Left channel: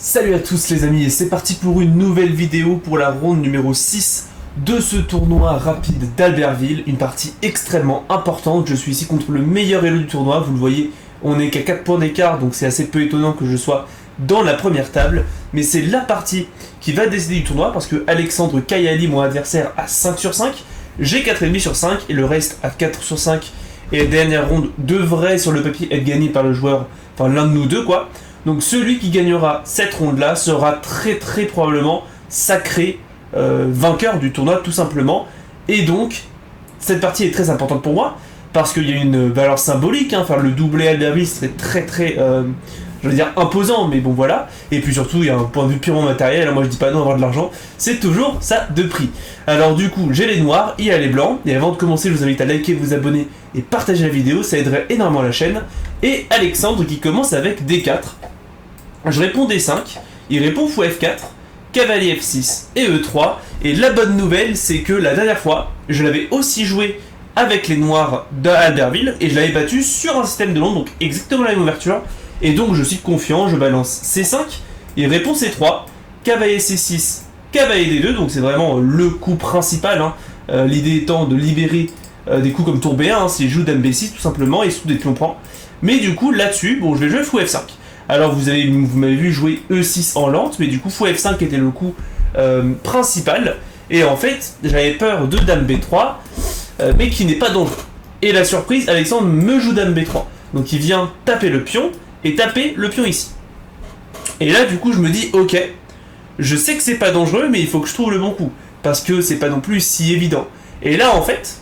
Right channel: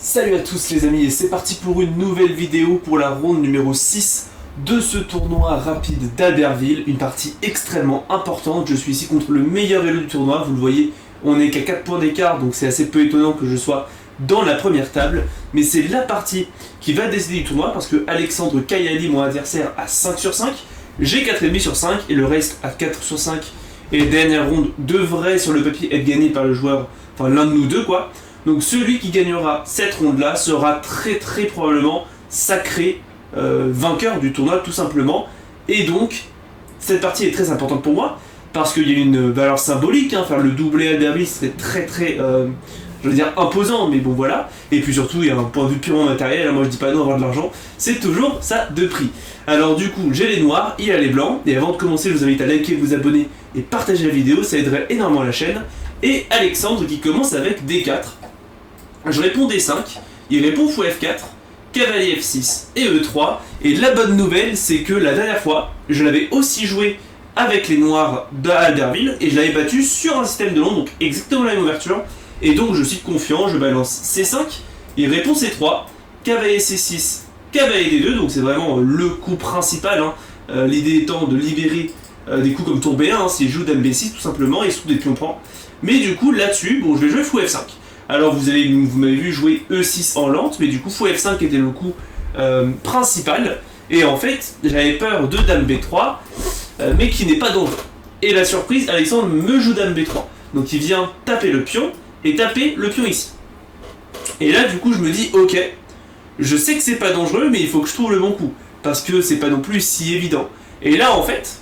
Salut à tous les amis et c'est parti pour une nouvelle vidéo pour la ronde numéro 6 de ce tournoi rapide d'Albertville, une partie extrêmement importante. Je suis ici contre le meilleur élu du tournoi, vous le voyez, on n'est qu'à 4 points d'écart, donc c'est assez peu étonnant que je sois dans la première table, mais c'est la partie qui va décider du tournoi parce que Alexandre Kayali, mon adversaire, a 5 sur 5, j'ai 4,5 sur 5 et le reste à 4 sur 5, et la dernière ronde devrait sur le papier être gagnée par le joueur, enfin l'un de nous deux quoi. Donc celui qui gagnera cette ronde-là sera très probablement sacré vainqueur du tournoi tout simplement. Et donc, cette partie est très importante pour moi, parce qu'il y a une valeur symbolique, hein, faire le doublé Albertville c'était très je veux dire imposant, mais bon voilà. Et puis surtout, il y a un point de vue purement matériel, alors moi je dis pas non avoir de l'argent, c'est toujours ça de prix. Alors du coup, j'ai les noirs, il y a les blancs, et avant de commencer, je vous invite à liker, vous abonner et partager la vidéo, ça aiderait énormément la chaîne. Et Alexandre qui commence avec D4. Je réponds D5, il répond fou F4, cavalier F6 et E3, et la bonne nouvelle c'est que la dernière fois, je l'avais aussi joué avec les noirs d'Albertville, et je l'avais battu sur un système de Londres, donc exactement la même ouverture, et donc je suis confiant, je balance C5, il répond C3, cavalier C6, cavalier D2, donc c'est vraiment le coup principal, hein. L'idée étant de libérer des coups comme tour B1, hein, s'il joue dame B6 tout simplement, et sous des pions prend. Mais du coup là-dessus, bon je vais jouer fou F5. Alors vous m'avez vu jouer E6 en lente, mais du coup fou F5 était le coup principal. Et en fait, j'avais peur de dame B3, mais qui n'est pas dangereux. Et la surprise, Alexandre me joue dame B3. Donc il vient taper le pion, et taper le pion ici. Et là du coup je me dis, ok, je sais que c'est pas dangereux, mais il faut que je trouve le bon coup. Parce que c'est pas non plus si évident. Et là en fait,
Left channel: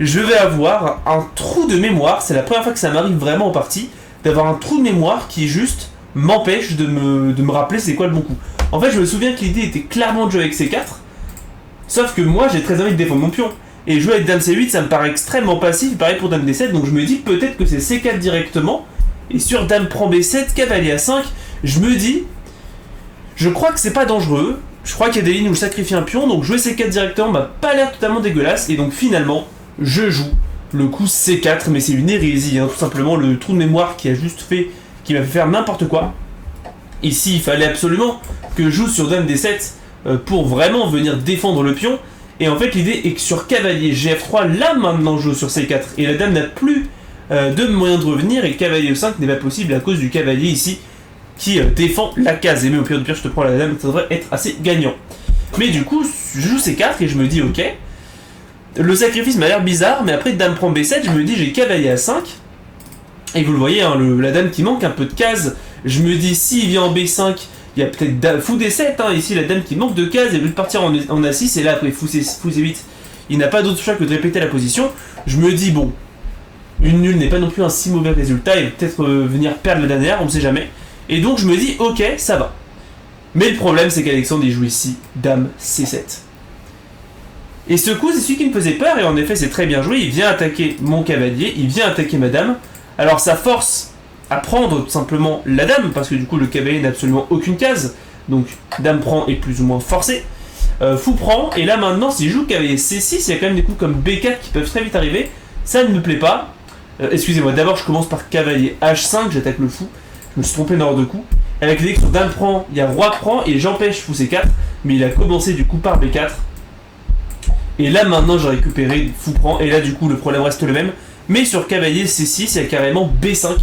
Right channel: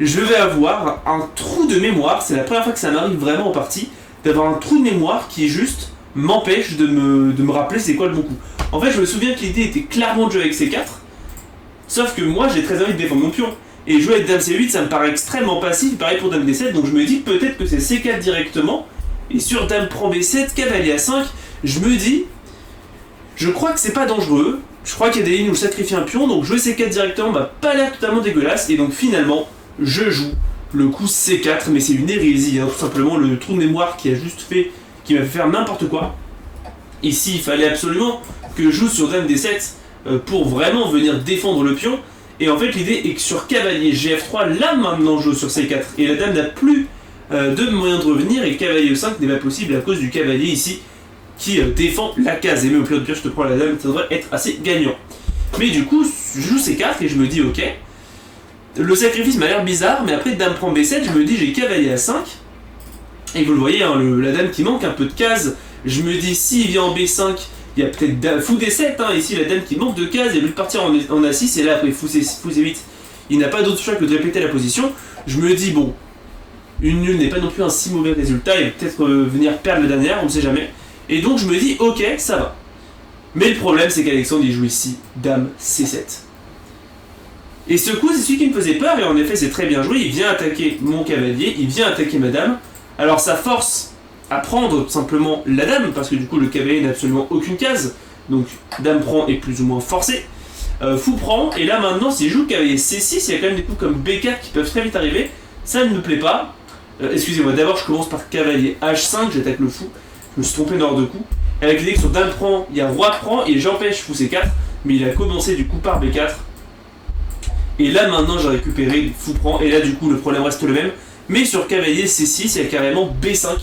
je vais avoir un trou de mémoire, c'est la première fois que ça m'arrive vraiment en partie, d'avoir un trou de mémoire qui juste m'empêche de me rappeler c'est quoi le bon coup. En fait, je me souviens que l'idée était clairement de jouer avec C4, sauf que moi j'ai très envie de défendre mon pion. Et jouer avec dame C8, ça me paraît extrêmement passif, pareil pour dame D7, donc je me dis peut-être que c'est C4 directement, et sur dame prend B7, cavalier A5, je me dis, je crois que c'est pas dangereux, je crois qu'il y a des lignes où je sacrifie un pion, donc jouer C4 directement m'a pas l'air totalement dégueulasse, et donc finalement, je joue le coup C4, mais c'est une hérésie, hein, tout simplement le trou de mémoire qui a juste fait, qui m'a fait faire n'importe quoi. Ici, il fallait absolument que je joue sur dame D7 pour vraiment venir défendre le pion. Et en fait, l'idée est que sur cavalier GF3, là maintenant je joue sur C4, et la dame n'a plus de moyen de revenir, et cavalier E5 n'est pas possible à cause du cavalier ici qui défend la case. Et même au pire de pire, je te prends la dame, ça devrait être assez gagnant. Mais du coup, je joue C4 et je me dis ok. Le sacrifice m'a l'air bizarre, mais après dame prend B7, je me dis j'ai cavalier A5, et vous le voyez, hein, la dame qui manque un peu de cases, je me dis s'il vient en B5, il y a peut-être fou D7, hein, ici la dame qui manque de cases, et veut partir en A6, et là après fou C8, il n'a pas d'autre choix que de répéter la position, je me dis bon, une nulle n'est pas non plus un si mauvais résultat, et peut-être venir perdre la dernière, on ne sait jamais, et donc je me dis ok, ça va. Mais le problème c'est qu'Alexandre il joue ici dame C7. Et ce coup, c'est celui qui me faisait peur, et en effet, c'est très bien joué. Il vient attaquer mon cavalier, il vient attaquer ma dame. Alors, ça force à prendre tout simplement la dame, parce que du coup, le cavalier n'a absolument aucune case. Donc, dame prend est plus ou moins forcé. Fou prend, et là maintenant, s'il joue cavalier C6, il y a quand même des coups comme B4 qui peuvent très vite arriver. Ça ne me plaît pas. Excusez-moi, d'abord, je commence par cavalier H5, j'attaque le fou. Je me suis trompé dans l'ordre de coup. Avec l'idée que sur dame prend, il y a roi prend, et j'empêche fou C4. Mais il a commencé du coup par B4. Et là maintenant j'ai récupéré fou prend, et là du coup le problème reste le même. Mais sur cavalier C6, il y a carrément B5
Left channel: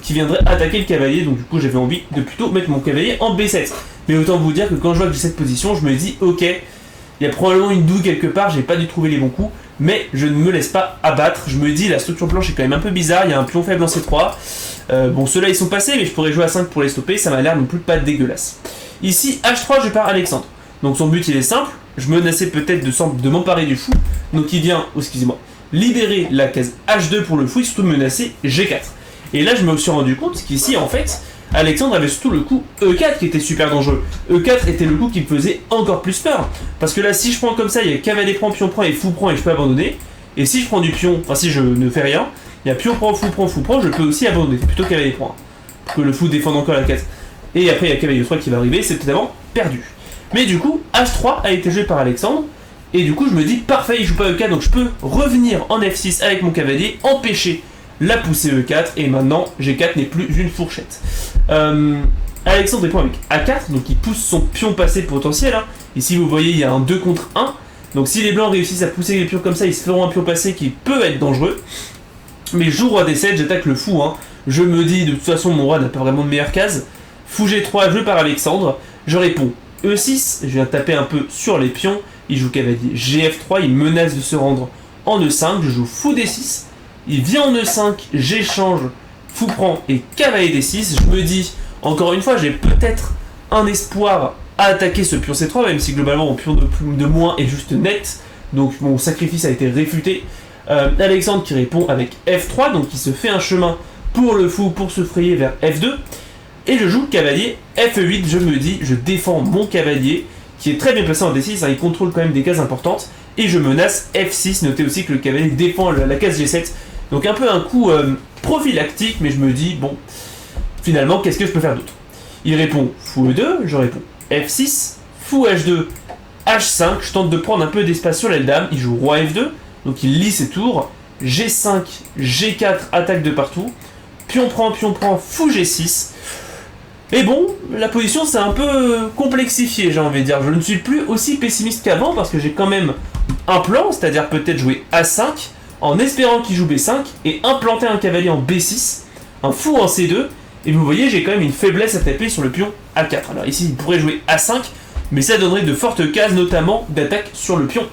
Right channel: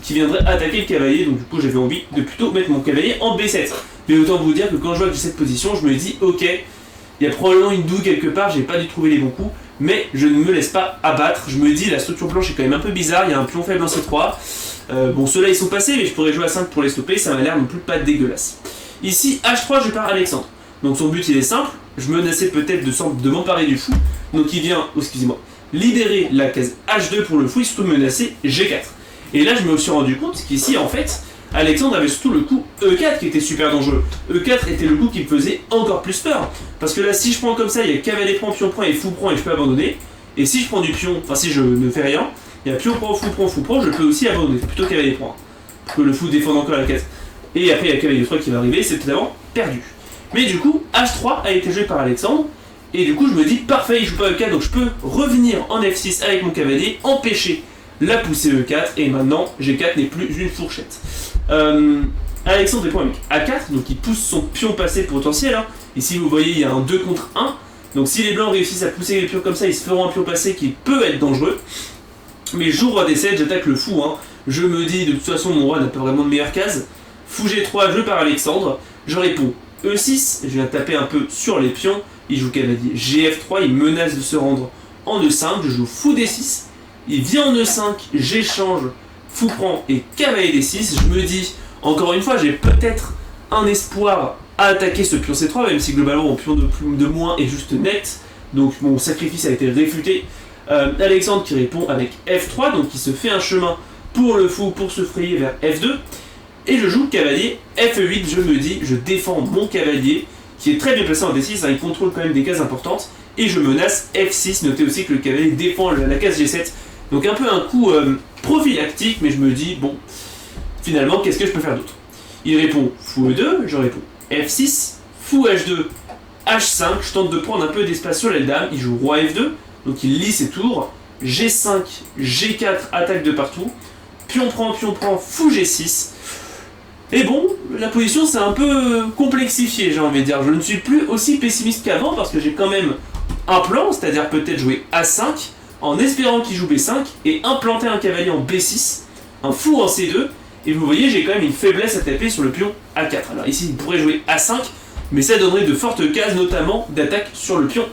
qui viendrait attaquer le cavalier, donc du coup j'avais envie de plutôt mettre mon cavalier en B7. Mais autant vous dire que quand je vois que j'ai cette position, je me dis ok, il y a probablement une douille quelque part, j'ai pas dû trouver les bons coups, mais je ne me laisse pas abattre. Je me dis la structure blanche est quand même un peu bizarre, il y a un pion faible en C3. Bon ceux-là ils sont passés, mais je pourrais jouer à 5 pour les stopper, ça m'a l'air non plus pas dégueulasse. Ici H3 je pars Alexandre, donc son but il est simple. Je menaçais peut-être de m'emparer du fou, donc il vient, excusez-moi, libérer la case H2 pour le fou, et surtout menacer G4. Et là je me suis rendu compte qu'ici en fait, Alexandre avait surtout le coup E4 qui était super dangereux. E4 était le coup qui me faisait encore plus peur, parce que là si je prends comme ça, il y a cavalier prend, pion prend et fou prend, et je peux abandonner. Et si je prends du pion, enfin si je ne fais rien, il y a pion prend, fou prend, je peux aussi abandonner, plutôt cavalier prend, pour que le fou défende encore la case. Et après il y a cavalier 3 qui va arriver, c'est totalement perdu. Mais du coup, H3 a été joué par Alexandre, et du coup je me dis parfait, il joue pas E4, donc je peux revenir en F6 avec mon cavalier, empêcher la poussée E4, et maintenant G4 n'est plus une fourchette. Alexandre répond avec A4, donc il pousse son pion passé potentiel. Hein. Ici, vous voyez, il y a un 2 contre 1. Donc si les blancs réussissent à pousser les pions comme ça, ils se feront un pion passé qui peut être dangereux. Mais je joue roi D7, j'attaque le fou. Hein. Je me dis, de toute façon, mon roi n'a pas vraiment de meilleure case. Fou G3, joué par Alexandre. Je réponds E6, je viens taper un peu sur les pions. Il joue cavalier GF3, il menace de se rendre en E5. Je joue fou D6. Il vient en E5, j'échange, fou prend et cavalier D6. Je me dis, encore une fois, j'ai peut-être un espoir à attaquer ce pion C3, même si globalement mon pion de moins est juste net. Donc mon sacrifice a été réfuté. Alexandre qui répond avec F3, donc il se fait un chemin pour le fou, pour se frayer vers F2. Et je joue cavalier F8, je me dis, je défends mon cavalier, qui est très bien placé en D6, hein, il contrôle quand même des cases importantes. Et je menace F6, notez aussi que le cavalier défend la case G7. Donc un peu un coup prophylactique, mais je me dis, bon, finalement, qu'est-ce que je peux faire d'autre? Il répond fou E2, je réponds F6, fou H2, H5, je tente de prendre un peu d'espace sur l'aile dame, il joue roi F2, donc il lit ses tours, G5, G4, attaque de partout, pion prend, fou G6. Et bon, la position s'est un peu complexifiée, j'ai envie de dire. Je ne suis plus aussi pessimiste qu'avant parce que j'ai quand même un plan, c'est-à-dire peut-être jouer A5, en espérant qu'il joue B5, et implanter un cavalier en B6, un fou en C2, et vous voyez, j'ai quand même une faiblesse à taper sur le pion A4. Alors ici, il pourrait jouer A5, mais ça donnerait de fortes cases, notamment d'attaque sur le pion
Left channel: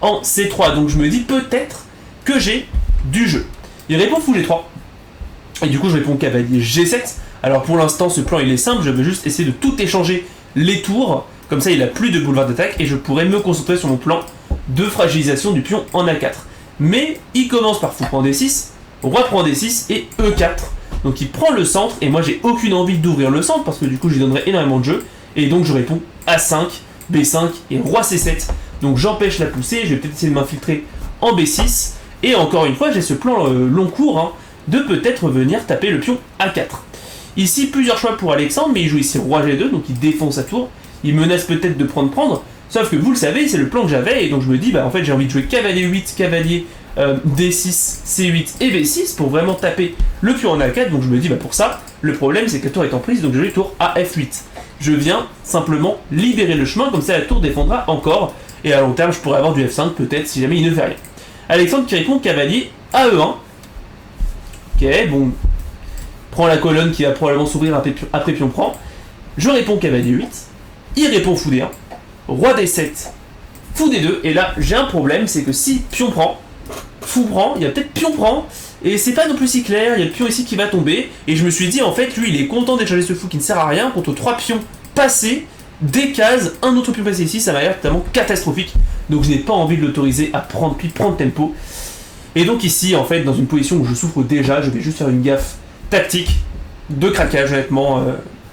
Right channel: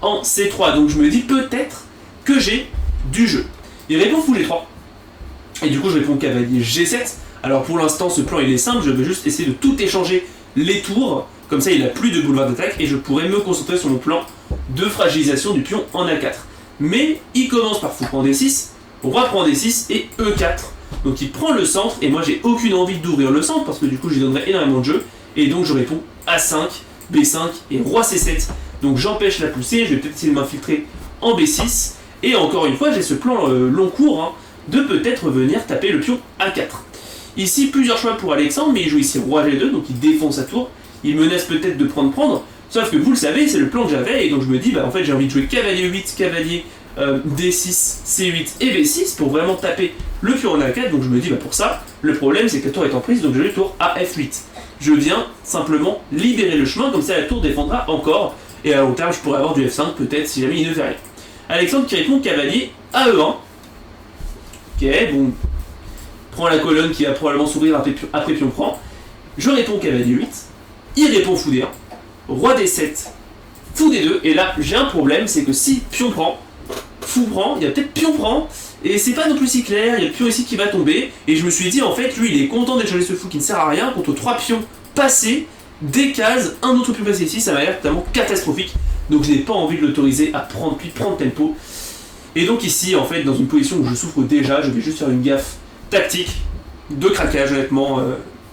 en C3. Donc je me dis peut-être que j'ai du jeu. Il répond fou G3, et du coup je réponds cavalier G7. Alors pour l'instant, ce plan il est simple, je vais juste essayer de tout échanger les tours, comme ça il a plus de boulevard d'attaque, et je pourrais me concentrer sur mon plan de fragilisation du pion en A4. Mais il commence par fou prend D6, roi prend D6 et E4. Donc il prend le centre, et moi j'ai aucune envie d'ouvrir le centre, parce que du coup j'y donnerais énormément de jeu, et donc je réponds A5, B5 et roi C7. Donc j'empêche la poussée, je vais peut-être essayer de m'infiltrer en B6, et encore une fois j'ai ce plan long cours, hein, de peut-être venir taper le pion A4. Ici plusieurs choix pour Alexandre, mais il joue ici roi G2, donc il défend sa tour, il menace peut-être de prendre, sauf que vous le savez, c'est le plan que j'avais, et donc je me dis, bah en fait j'ai envie de jouer cavalier 8, cavalier D6, C8 et B6 pour vraiment taper le pion en A4, donc je me dis, bah pour ça, le problème c'est que la tour est en prise, donc je vais tour à F8. Je viens simplement libérer le chemin, comme ça la tour défendra encore, et à long terme je pourrais avoir du F5 peut-être si jamais il ne fait rien. Alexandre qui répond cavalier à E1. Ok, bon, prend la colonne qui va probablement s'ouvrir après pion prend. Je réponds cavalier 8, il répond fou D1, roi D7, fou D2, et là j'ai un problème, c'est que si pion prend, fou prend, il y a peut-être pion prend, et c'est pas non plus si clair, il y a le pion ici qui va tomber, et je me suis dit en fait lui il est content d'échanger ce fou qui ne sert à rien contre 3 pions passés, des cases, un autre pion passé ici, ça m'a l'air totalement catastrophique, donc je n'ai pas envie de l'autoriser à prendre, puis prendre tempo. Et donc ici en fait dans une position où je souffre déjà, je vais juste faire une gaffe tactique de craquage honnêtement,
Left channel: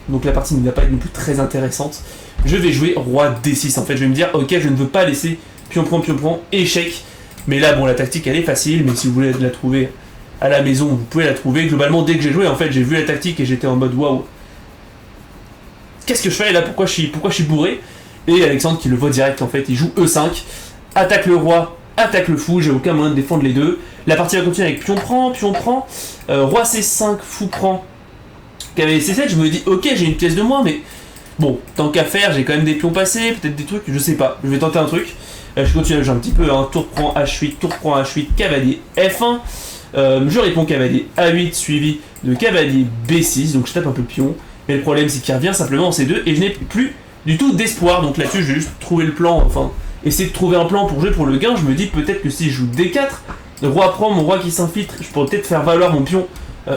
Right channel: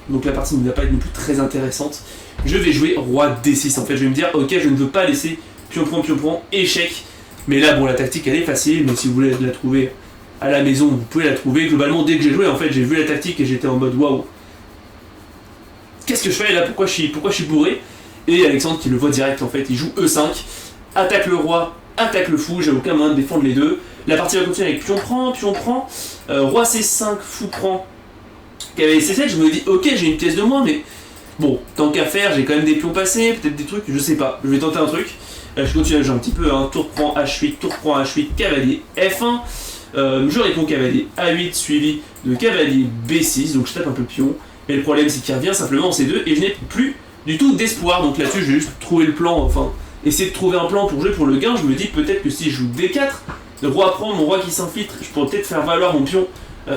donc la partie ne va pas être non plus très intéressante. Je vais jouer roi D6 en fait, je vais me dire ok je ne veux pas laisser pion prend, échec, mais là bon la tactique elle est facile, mais si vous voulez la trouver à la maison vous pouvez la trouver. Globalement dès que j'ai joué en fait j'ai vu la tactique et j'étais en mode waouh, qu'est-ce que je fais là, pourquoi je suis bourré. Et Alexandre qui le voit direct en fait, il joue E5, attaque le roi, attaque le fou, j'ai aucun moyen de défendre les deux. La partie va continuer avec pion prend, roi C5, fou prend, cavalier C7, je me dis ok j'ai une pièce de moins, mais bon, tant qu'à faire, j'ai quand même des pions passés, peut-être des trucs, je sais pas, je vais tenter un truc. Je continue à jouer un petit peu, hein, tour prend H8, cavalier F1, je réponds cavalier A8 suivi de cavalier B6, donc je tape un peu le pion, mais le problème c'est qu'il revient simplement en C2 et je n'ai plus du tout d'espoir, donc là-dessus je vais juste trouver le plan, enfin essayer de trouver un plan pour jouer pour le gain. Je me dis peut-être que si je joue D4, le roi prend, mon roi qui s'infiltre, je pourrais peut-être faire valoir mon pion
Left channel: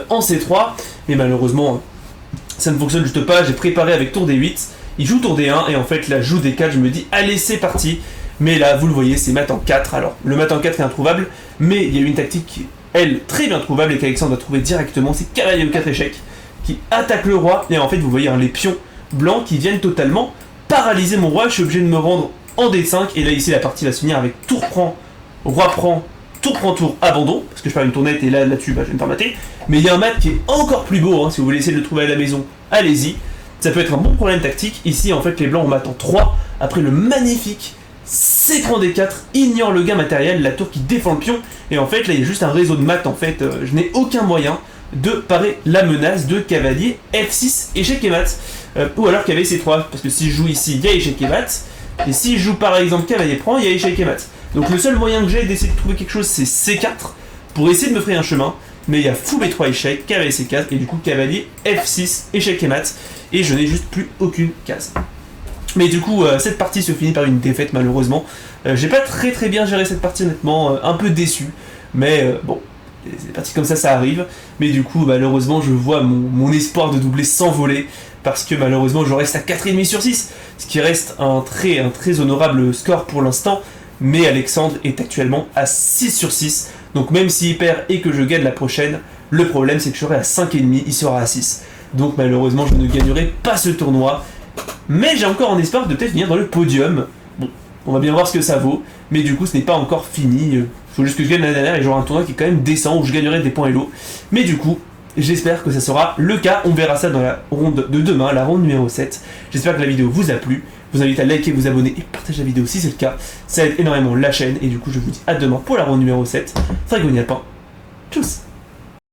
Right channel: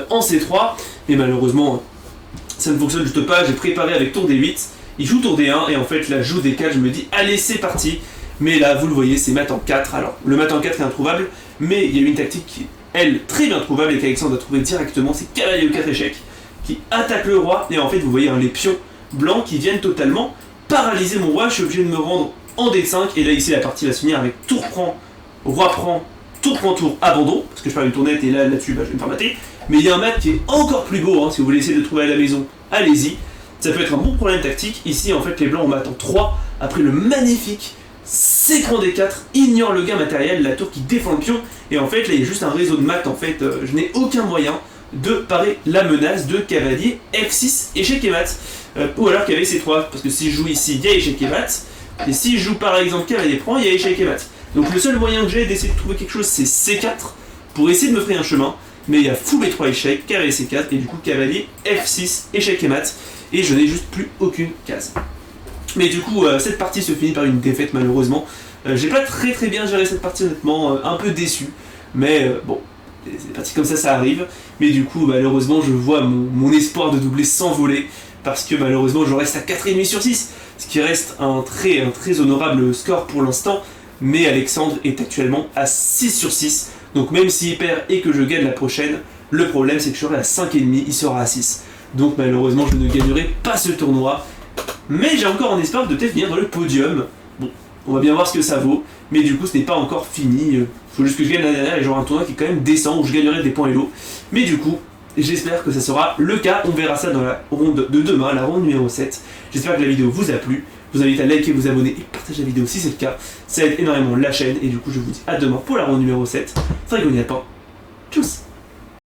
en C3, mais malheureusement ça ne fonctionne juste pas. J'ai préparé avec tour D8, il joue tour D1 et en fait là joue D4, je me dis allez c'est parti, mais là vous le voyez c'est mat en 4. Alors le mat en 4 est introuvable, mais il y a une tactique qui est elle très bien trouvable et qu'Alexandre va trouver directement, c'est cavalier E4 échec qui attaque le roi, et en fait vous voyez hein, les pions blancs qui viennent totalement paralyser mon roi. Je suis obligé de me rendre en D5, et là ici la partie va se finir avec tour prend, roi prend, tour abandon, parce que je perds une tournette et là-dessus bah, je vais me faire mater. Mais il y a un mat qui est encore plus beau, hein, si vous voulez essayer de le trouver à la maison, allez-y. Ça peut être un bon problème tactique. Ici en fait les blancs ont mat en 3, après le magnifique C-prend D4, ignore le gain matériel, la tour qui défend le pion, et en fait là il y a juste un réseau de mat en fait, je n'ai aucun moyen de parer la menace de cavalier F6 échec et mat. Ou alors cavalier C3, parce que si je joue ici, il y a échec et mat. Et si je joue par exemple cavalier prend, il y a échec et mat. Donc le seul moyen que j'ai d'essayer de trouver quelque chose, c'est C4 pour essayer de me frayer un chemin. Mais il y a fou B3 échec, cavalier C4 et du coup cavalier F6 échec et mat. Et je n'ai juste plus aucune case. Mais du coup, cette partie se finit par une défaite malheureusement. J'ai pas très bien géré cette partie honnêtement, un peu déçu. Mais bon, des parties comme ça arrive. Mais du coup, malheureusement, je vois mon espoir de doubler s'envoler. Parce que malheureusement, je reste à 4,5 sur 6. Ce qui reste un très honorable score pour l'instant. Mais Alexandre est actuellement à 6 sur 6. Donc même s'il perd et que je gagne la prochaine, le problème c'est que je serai à 5,5, il sera à 6. Donc malheureusement, je ne gagnerai pas ce tournoi. Mais j'ai encore un espoir de peut-être venir dans le podium. Bon, on va bien voir ce que ça vaut. Mais du coup, ce n'est pas encore fini. Il faut juste que je gagne la dernière et j'aurai un tournoi qui est quand même décent où je gagnerai des points Elo. Mais du coup, j'espère que ça sera le cas. On verra ça dans la ronde de demain, la ronde numéro 7. J'espère que la vidéo vous a plu. Je vous invite à liker, vous abonner et partager la vidéo si c'est le cas. Ça aide énormément la chaîne. Et du coup, je vous dis à demain pour la ronde numéro 7. Dragoniapin. Tchuss!